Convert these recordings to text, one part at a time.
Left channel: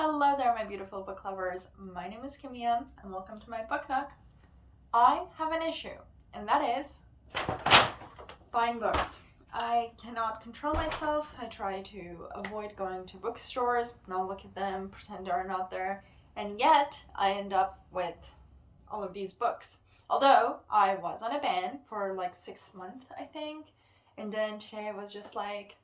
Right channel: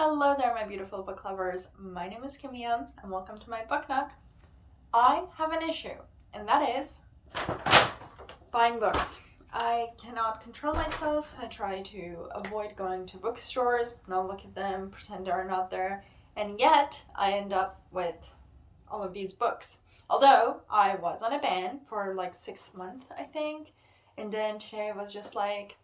Hello there, my beautiful book lovers. My name is Kimia, and welcome to my book nook. I have an issue, and that is buying books. I cannot control myself. I try to avoid going to bookstores, not look at them, pretend they're not there, and yet I end up with all of these books. Although I was on a ban for like 6 months, I think, and then today was just like,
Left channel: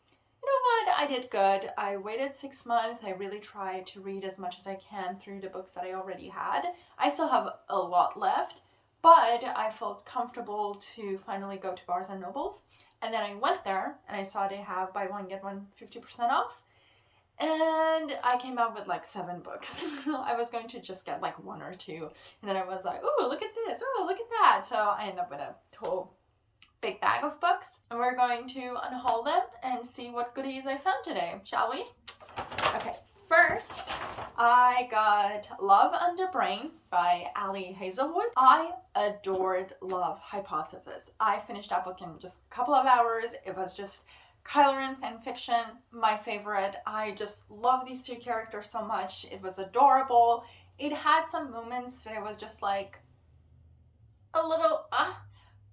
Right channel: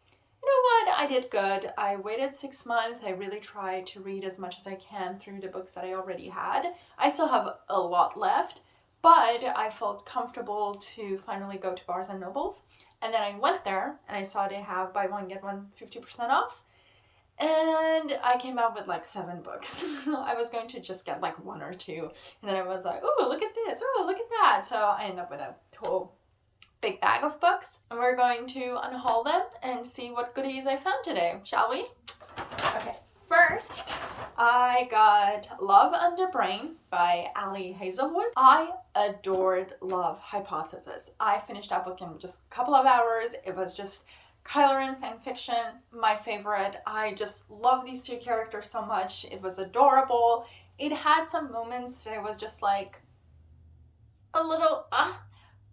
you know what, I did good. I waited 6 months. I really tried to read as much as I can through the books that I already had. I still have a lot left, but I felt comfortable to finally go to Barnes and Nobles. And then I went there and I saw they have buy one, get one 50% off. And I came out with like 7 books. I was going to just get like 1 or 2. And then I was like, oh, look at this. Oh, look at that. So I ended up with a whole big bag of books, and we're going to unhaul them and see what goodies I found today, shall we? Okay, first I got Love Under Brain by Ali Hazelwood. I adored Love Hypothesis. I finished that book in just a couple of hours. It was just Kyler fan fiction, my favorite. I just love these 2 characters so much. It was adorable. It had some moments that I was just like a little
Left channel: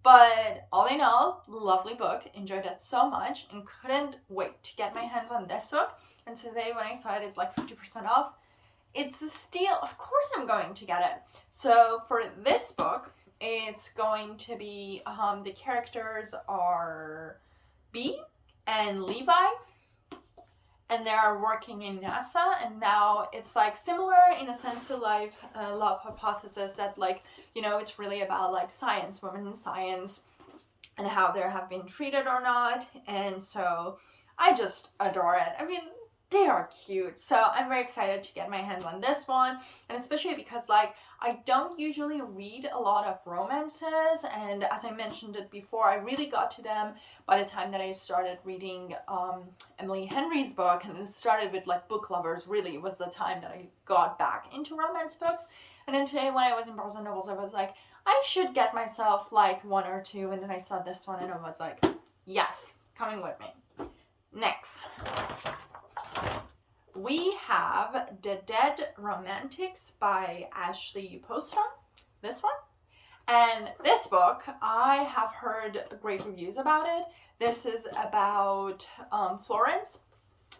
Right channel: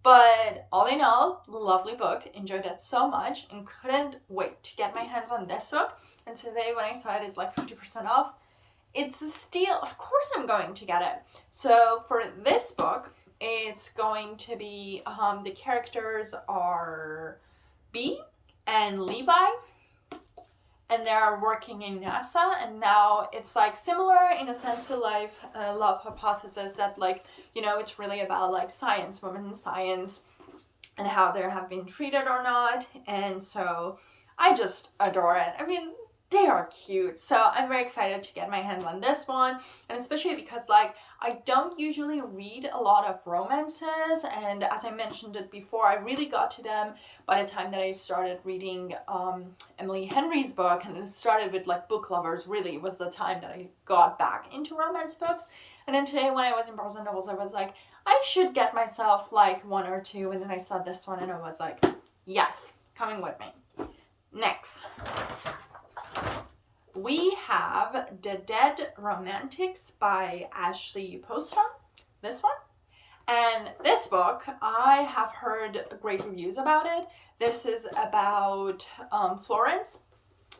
but all in all, lovely book. Enjoyed it so much and couldn't wait to get my hands on this book. And today when I saw it, it's like 50% off. It's a steal. Of course I'm going to get it. So for this book, it's going to be, the characters are Bee and Levi. And they're working in NASA, and now it's like similar in a sense to Love Hypothesis, that like, you know, it's really about like science, women in science, and how they have been treated or not. And so I just adore it. I mean, they are cute. So I'm very excited to get my hands on this one, and especially because like I don't usually read a lot of romances, and as I mentioned it before, I really got to them by the time that I started reading Emily Henry's book, and it started with like Book Lovers. Really was the time that I got back into romance books. And then today when I was in Barnes and Nobles, I was like, I should get myself like 1 or 2, and then I saw this one and I was like, yes, coming with me. Next, we have The Dead Romantics by Ashley Poston, this one. And this book, I have heard great reviews about it. This is about Florence.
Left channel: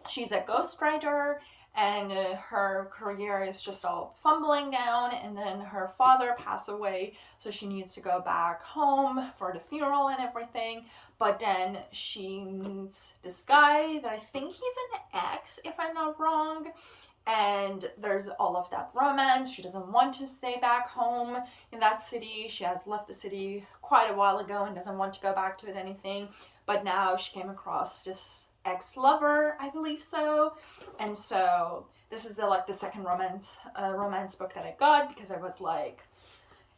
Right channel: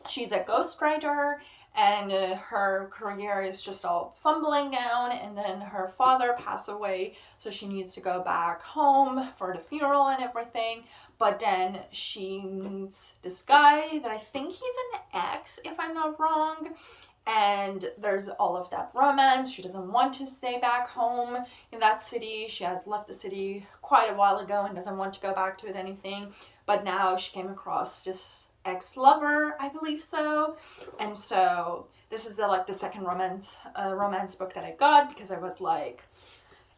She's a ghostwriter, and her career is just all fumbling down, and then her father passed away, so she needs to go back home for the funeral and everything. But then she meets this guy that I think he's an ex, if I'm not wrong, and there's all of that romance. She doesn't want to stay back home in that city. She has left the city quite a while ago and doesn't want to go back to it anything, but now she came across this ex-lover, I believe so. And so this is the second romance book that I got, because I was like,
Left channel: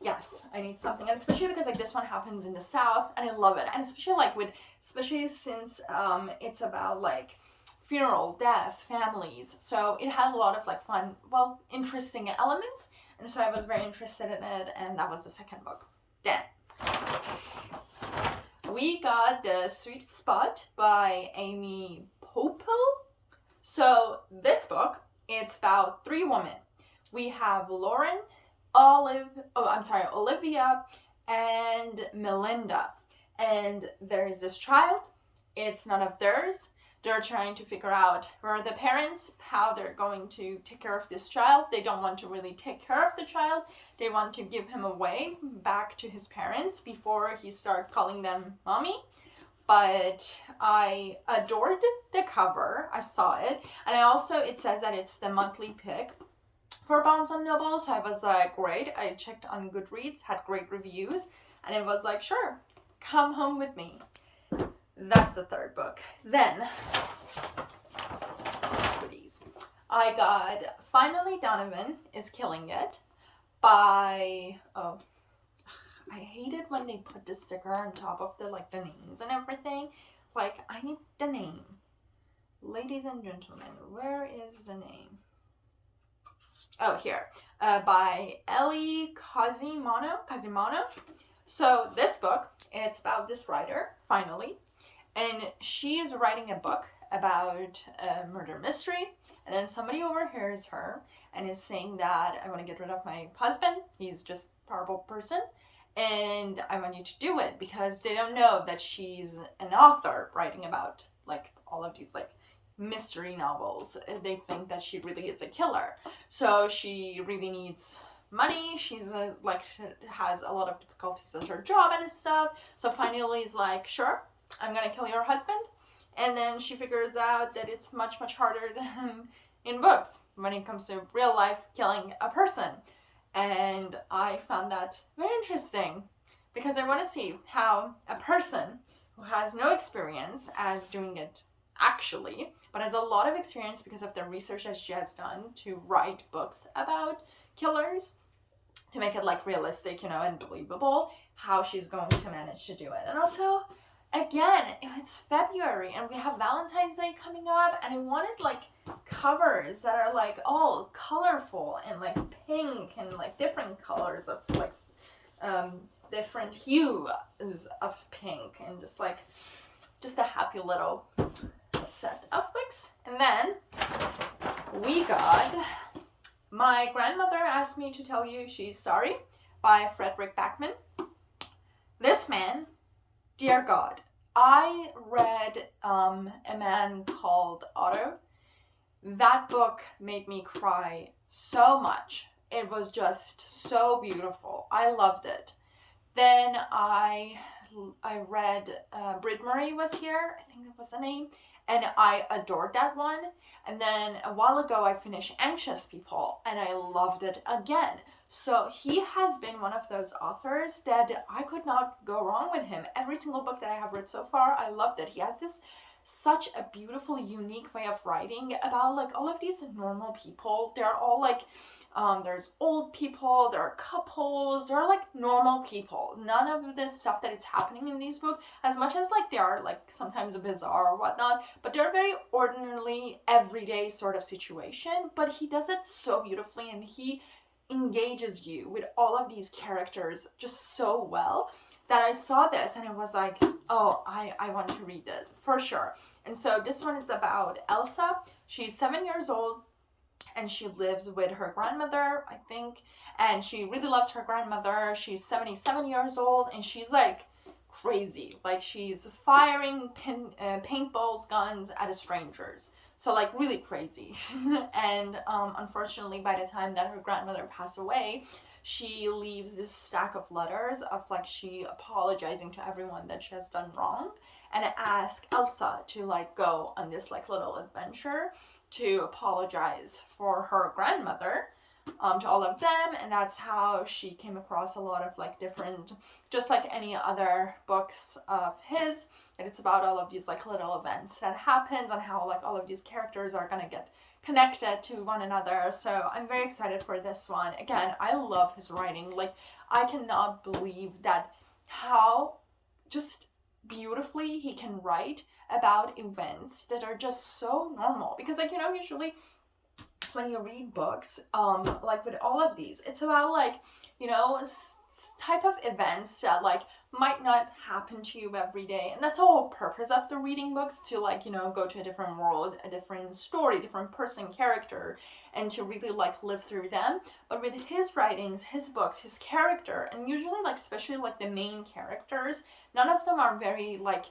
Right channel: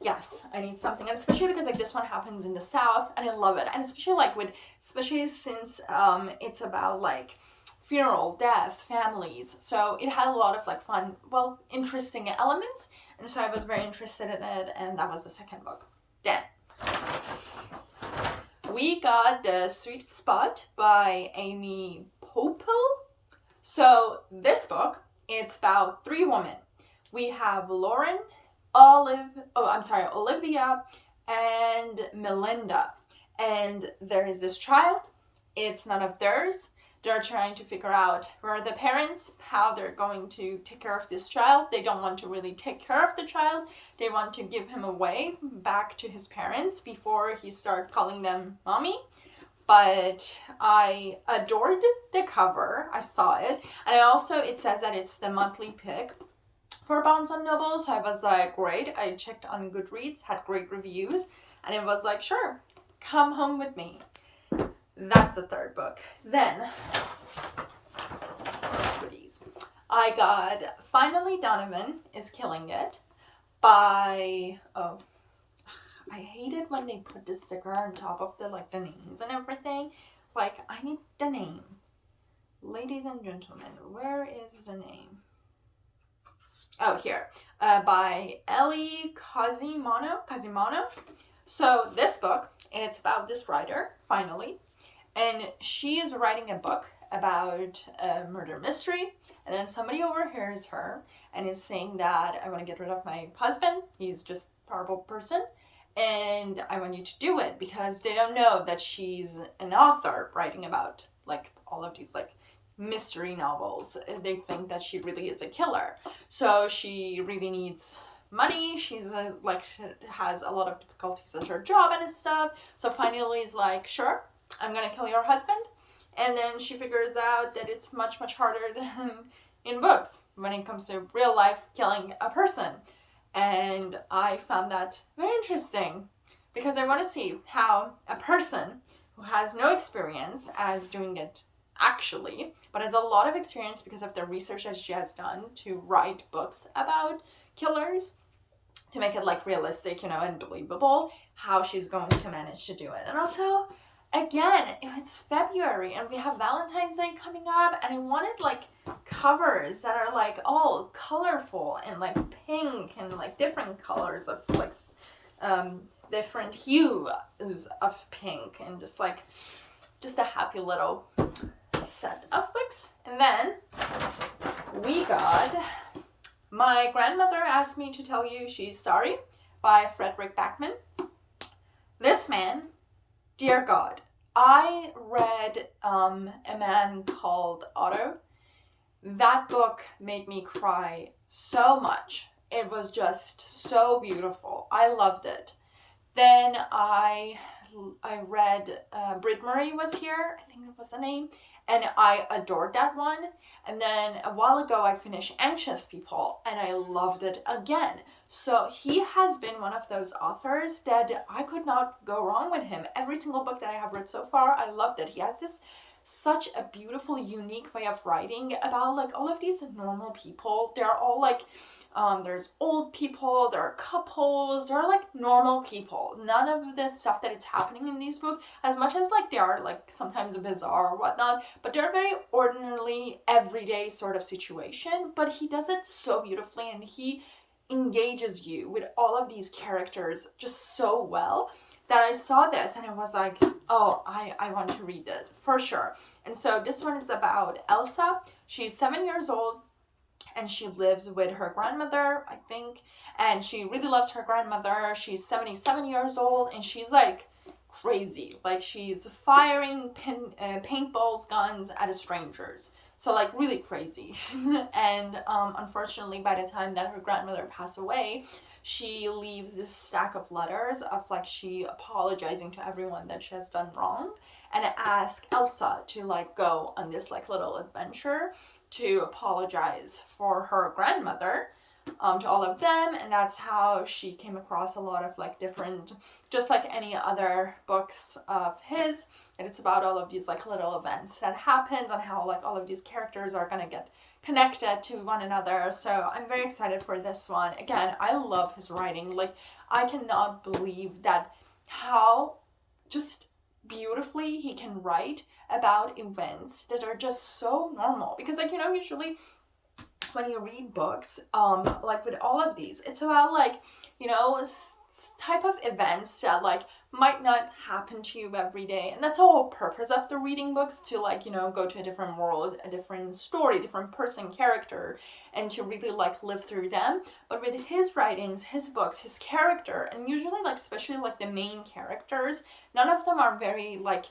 yes, I need something. And especially because like this one happens in the South, and I love it. And especially since it's about like funeral, death, families, so it had a lot of like fun, well, interesting elements, and so I was very interested in it, and that was the second book. Then we got The Sweet Spot by Amy Popel. So this book, it's about 3 women. We have Lauren, Olivia, and Melinda. And there is this child. It's none of theirs. They're trying to figure out where are the parents, how they're going to take care of this child. They don't want to really take care of the child. They want to give him away back to his parents before he starts calling them mommy. But I adored the cover. I saw it. And it says that it's the monthly pick for Barnes and Noble. So I was like, great. I checked on Goodreads, had great reviews. And it was like, sure, come home with me. That's the third book. Then, goodies. I got Finally Donovan is Killing It by, I hate it when they put the sticker on top of the names and everything. Like, I need the name. Ladies and gentlemen, where is the name? Oh, here. By Ellie Casimano. So this book, it's about this writer, finally. And she is writing a book about a murder mystery, And then somebody overhears her and is saying that I want to get rid of my husband. He's just a horrible person. And I want you to do it, because they don't know that she's an author writing about like all of these like mystery novels. They think that she really is a killer. So she really needs money. She's like has a lot of difficulties at her job and stuff. So finally is like, sure, I'm gonna kill your husband. And then she figures out that it's much harder than in books when it comes to real life killing a person. And I found that very interesting, because I want to see how a person who has no experience as doing it actually, but has a lot of experience because of the research that she has done to write books about killers, to make it like realistic, and believable, how she's going to manage to do it. And also, again, it's February and we have Valentine's Day coming up, and I wanted like covers that are like all colorful and like pink and like different colors of like different hues of pink, and just a happy little set of books. And then we got My Grandmother Asked Me to Tell You She's Sorry by Frederick Backman. This man, dear God, I read A Man Called Otto. That book made me cry so much. It was just so beautiful. I loved it. Then I read Brit Murray Was Here, I think that was the name, and I adored that one. And then a while ago I finished Anxious People, and I loved it again. So he has been one of those authors that I could not go wrong with him. Every single book that I have read so far, I loved it. He has such a beautiful, unique way of writing about like all of these normal people. They're all like, there's old people, there are couples, they're like normal people. None of this stuff that it's happening in these books, as much as like they are like sometimes bizarre or whatnot, but they're very ordinarily everyday sort of situation. But he does it so beautifully, and he engages you with all of these characters just so well, that I saw this and I was like, oh, I want to read it for sure. And so this one is about Elsa. She's 7 years old and she lives with her grandmother, I think, and she really loves her grandmother. She's 77 years old and she's like crazy. Like she's firing paintballs, guns at strangers. So like really crazy. And unfortunately, by the time that her grandmother passed away, she leaves this stack of letters of like she apologizing to everyone that she has done wrong, and ask Elsa to like go on this like little adventure to apologize for her grandmother to all of them. And that's how she came across a lot of like different, just like any other books of his, and it's about all of these like little events that happens and how like all of these characters are gonna get connected to one another. So I'm very excited for this one. Again, I love his writing. Like I cannot believe that how just beautifully he can write about events that are just so normal. Because like, usually when you read books, like with all of these, it's about like, type of events that like might not happen to you every day. And that's the whole purpose of the reading books, to like, go to a different world, a different story, different person, character, and to really like live through them. But with his writings, his books, his character, and usually like especially like the main characters, none of them are very like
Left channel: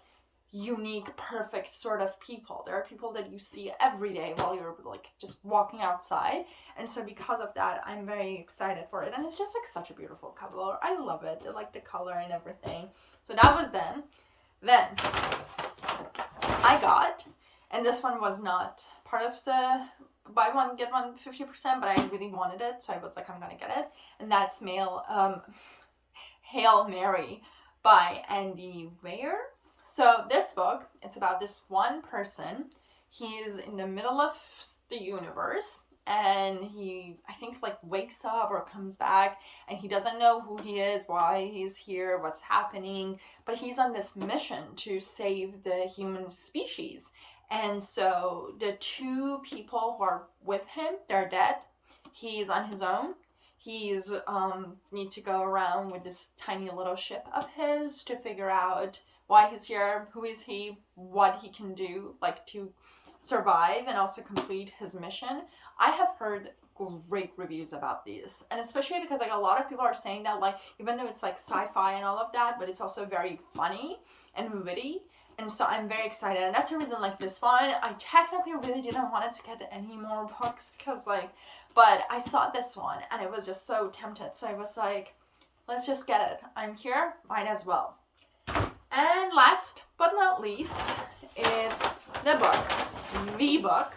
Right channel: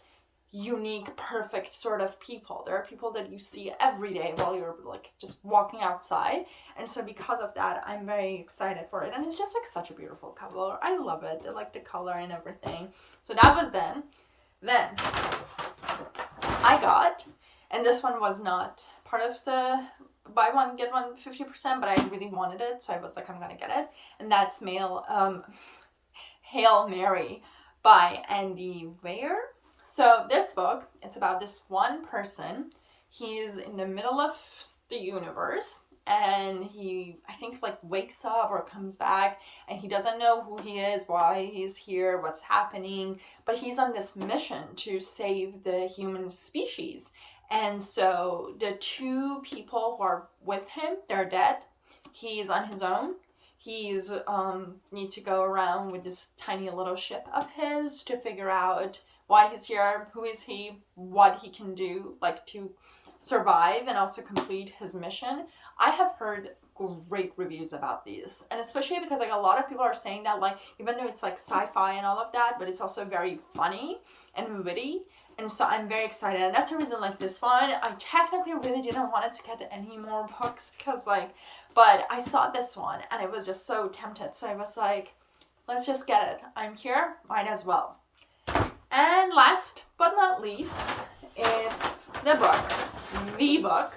unique, perfect sort of people. There are people that you see every day while you're like just walking outside. And so because of that, I'm very excited for it. And it's just like such a beautiful cover. I love it. I like the color and everything. So that was then I got, and this one was not part of the buy one get one 50%, but I really wanted it, so I was like, I'm gonna get it. And that's Hail Mary by Andy Weir. So this book, it's about this one person. He's in the middle of the universe, and he, I think, like wakes up or comes back, and he doesn't know who he is, why he's here, what's happening, but he's on this mission to save the human species. And so the two people who are with him, they're dead. He's on his own. He's need to go around with this tiny little ship of his to figure out why he's here, who is he, what he can do, like to survive and also complete his mission. I have heard great reviews about these, and especially because like a lot of people are saying that like even though it's like sci-fi and all of that, but it's also very funny and witty. And so I'm very excited, and that's the reason like this one, I technically really didn't want to get any more books because like, but I saw this one and I was just so tempted, so I was like, let's just get it. I'm here, might as well. And last but not least, it's the book,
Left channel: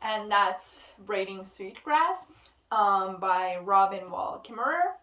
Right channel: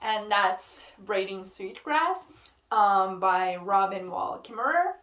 and that's Braiding Sweetgrass by Robin Wall Kimmerer.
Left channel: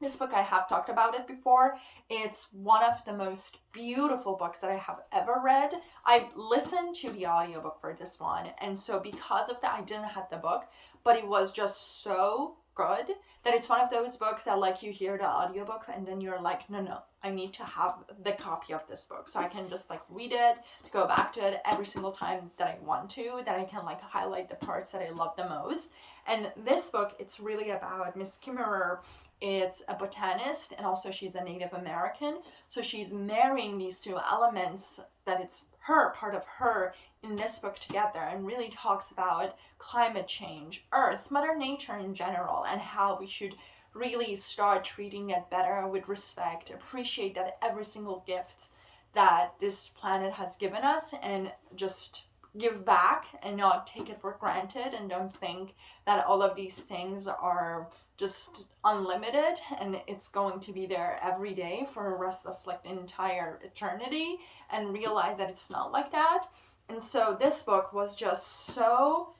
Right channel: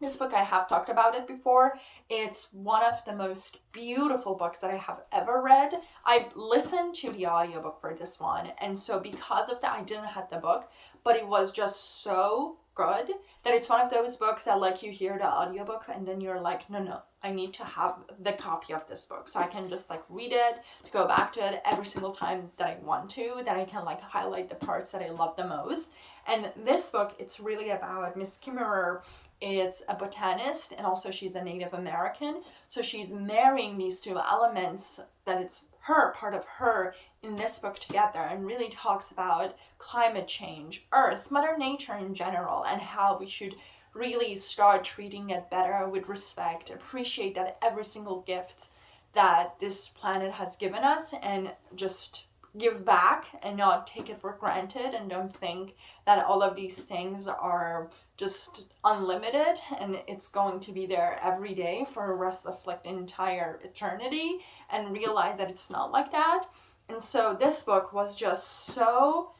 This book, I have talked about it before. It's one of the most beautiful books that I have ever read. I listened to the audiobook for this one, and so because of that, I didn't have the book, but it was just so good that it's one of those books that like you hear the audiobook and then you're like, no, I need to have the copy of this book so I can just like read it, to go back to it every single time that I want to, that I can like highlight the parts that I love the most. And this book, it's really about Miss Kimmerer. It's a botanist, and also she's a Native American. So she's marrying these two elements that it's her, part of her, in this book together, and really talks about climate change, Earth, Mother Nature in general, and how we should really start treating it better with respect, appreciate that every single gift that this planet has given us, and just give back and not take it for granted, and don't think that all of these things are just unlimited and it's going to be there every day for the rest of like the entire eternity, and realize that it's not like that. And so this book was just so,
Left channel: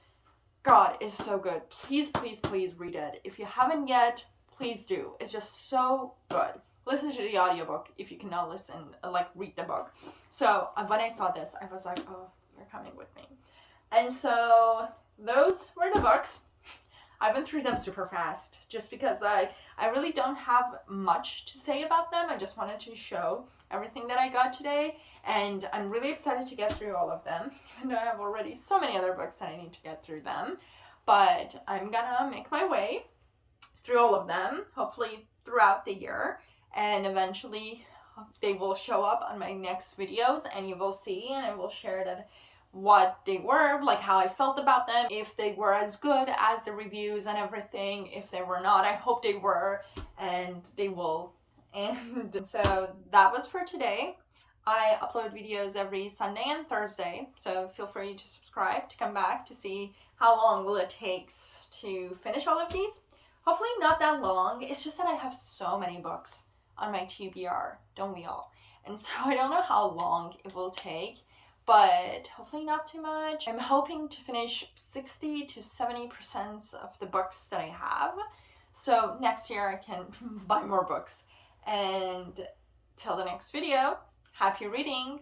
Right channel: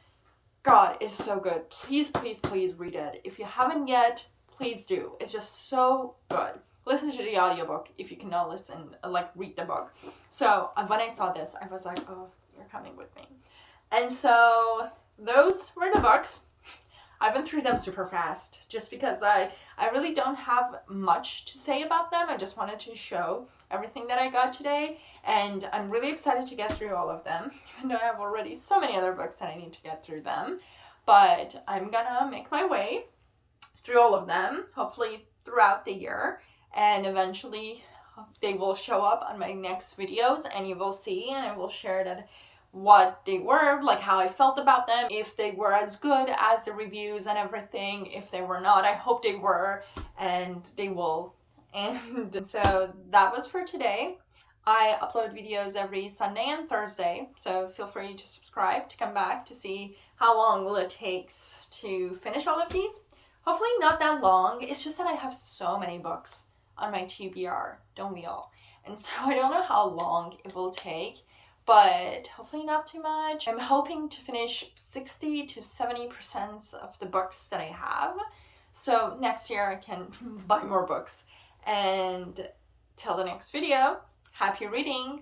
God, it's so good. Please read it. If you haven't yet, please do. It's just so good. Listen to the audiobook if you cannot listen, like read the book. So when I saw this, I was like, oh, you're coming with me. And so those were the books. I went through them super fast just because like I really don't have much to say about them. I just wanted to show everything that I got today, and I'm really excited to get through all of them, even though I have already so many other books that I need to get through them. But I'm gonna make my way through all of them, hopefully throughout the year, and eventually they will show up on my next videos and you will see, and I will share that what they were, like how I felt about them, if they were as good as the reviews and everything. If they were not, I hope they were, and they will. And so that was for today. I upload videos every Sunday and Thursday, so feel free to subscribe to come back to see how long will it takes to finish all of these. Hopefully not that long. It's just that I have so many books on my TBR, don't we all? And so I don't know how long it will take, but hopefully not too much. I'm hoping to finish 60 to 70% of the books that I have, so next year I can buy more books. And till the next video, happy reading!